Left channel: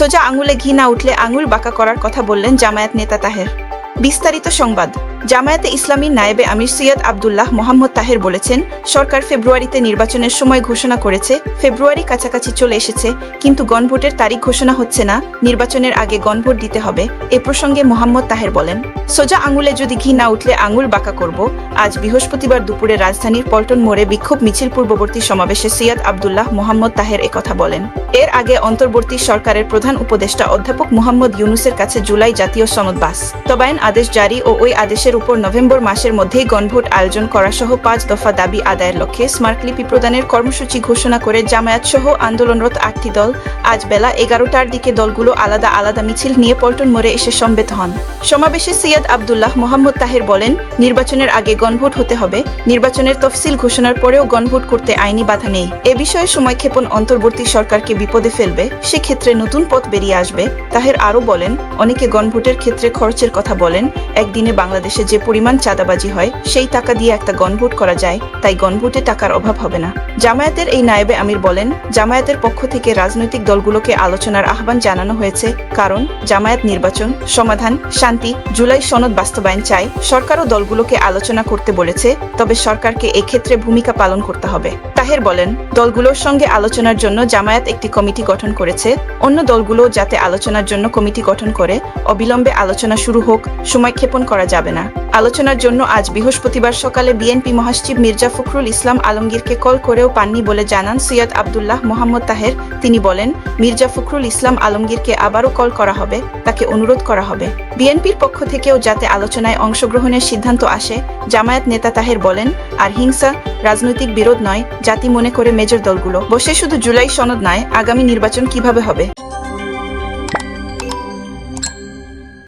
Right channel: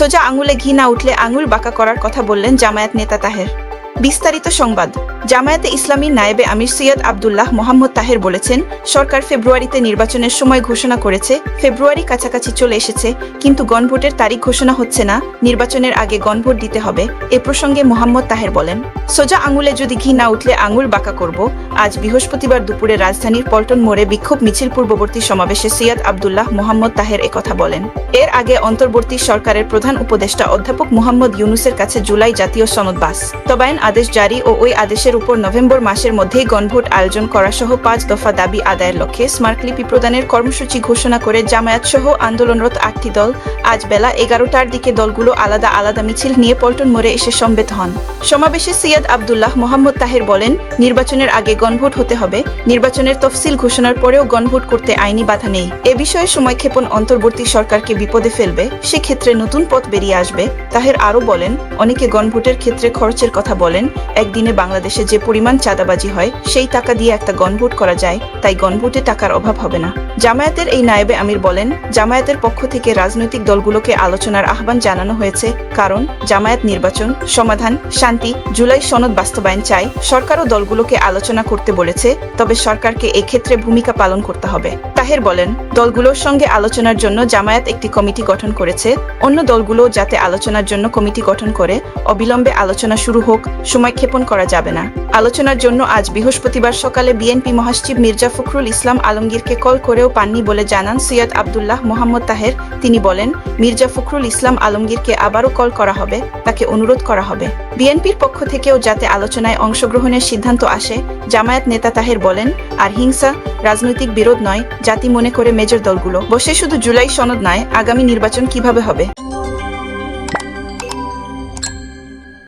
সোজা আঙুলে ঘি না উঠলে আঙুল বাঁকা করার কথা বললেন জামায়াত নেতা তাহের। বিস্তারিত সংবাদ। জামায়াতে ইসলামীর নায়েবে আমির সৈয়দ আব্দুল্লাহ মোহাম্মদ তাহের বলেছেন, সরকার ফেব্রুয়ারিতে নির্বাচনের সময় ঘোষণা করেছে। ফেব্রুয়ারি কাছাকাছি চলে এসেছে, কিন্তু গণভোটের তারিখ ঘোষণা হচ্ছে না। নির্বাচনের আগে গণভোট দিতে হবে। এ প্রসঙ্গে মোহাম্মদ তাহের বলেন, সোজা আঙুলে যদি ঘি না উঠলে আঙুল বাঁকা করব। আজ বৃহস্পতিবার দুপুরে রাজধানীর পল্টন মোড়ে বিক্ষোভ মিছিল পূর্ববর্তী সমাবেশে সৈয়দ আব্দুল্লাহ মোহাম্মদ তাহের একথা বলেন। এর আগে অন্তর্বর্তী সরকারের প্রধান উপদেষ্টা অধ্যাপক মোহাম্মদ ইউনুসের কাছে জুলাই জাতীয় সনদ বাস্তবায়ন আদেশ জারি ও ওই আদেশের উপর নভেম্বর মাসের মধ্যেই গণভোট আয়োজন করা সহ 5 দফা দাবি আদায়ের লক্ষ্যে স্মারকলিপি প্রদানের কর্মসূচি ঘোষণা করে জামায়াত সহ আন্দোলনরত 8টি দল আজ বেলা 11টার দিকে দলগুলো আলাদা আলাদা মিছিল নিয়ে পল্টন মোড়ে এসে সমবেত হন। সমাবেশে সৈয়দ আব্দুল্লাহ মোহাম্মদ তাহের বলেন, নির্বাচনের আগে গণভোট হতে হবে। নির্বাচনের তফসিল ঘোষণার পরেও গণভোট করতে আইনি বাধা নেই। এ বিষয়ে সময়ক্ষেপণ অন্তর্বর্তী সরকারকে বিপদে ফেলবে, সেক্ষেত্রে নতুন পথ বেরিয়ে আসবে। তাহের আরও বলেন, অনেকে গণভোটের ক্ষেত্রে খরচের কথা বলেন। একদিনে বাংলাদেশে যে পরিমাণ চাঁদাবাজি হয়, সেই টাকা দিয়ে একটা গণভোট করা যায়, তাই গণভোটে টাকার অভাব হবে না। জামায়াতের এই নায়েবে আমির বলেন, জামায়াতের পক্ষ থেকে রাজনৈতিক দলগুলোকে আলোচনার আহ্বান জানানো হয়েছে, কারণ জামায়াত নির্বাচন, সমাধান, শান্তি, জুলাই সনদ বাস্তবায়ন চায়। সরকারও দলগুলোকে আলোচনা করতে বলেছে, তবে সরকারকে এক্ষেত্রে ভূমিকা পালন করতে হবে। তাহের বলেন, দলগুলোর সঙ্গে আলোচনার জন্য জামায়াত একটি কমিটি গঠন করেছে। অন্য দলগুলো যাতে আলোচনার জন্য কমিটি গঠন করে অবিলম্বে আলোচনা শুরু হোক, সময়ক্ষেপণ করা যাবে না। আলোচনার জন্য আজ বৃহস্পতিবার সকালে বিএনপি মহাসচিব মির্জা ফখরুল ইসলাম আলমগীরকে কল করেও পাননি বলে জানান সৈয়দ আব্দুল্লাহ মোহাম্মদ তাহের। তিনি বলেন, মির্জা ফখরুল ইসলাম আলমগীরকে আবারও কল করা হবে, তাকে অনুরোধ করা হবে বিএনপির পক্ষ থেকেও যাতে আলোচনায় অংশগ্রহণের সিদ্ধান্ত আসে। জামায়াত নেতা তাহের বলেন, আর হিংসা, রাজনৈতিক বিরোধ নয়, জাতি মনে করে মেজর দলগুলো বসে শুধু জুলাই সনদ নয়, আগামী নির্বাচন কিভাবে হবে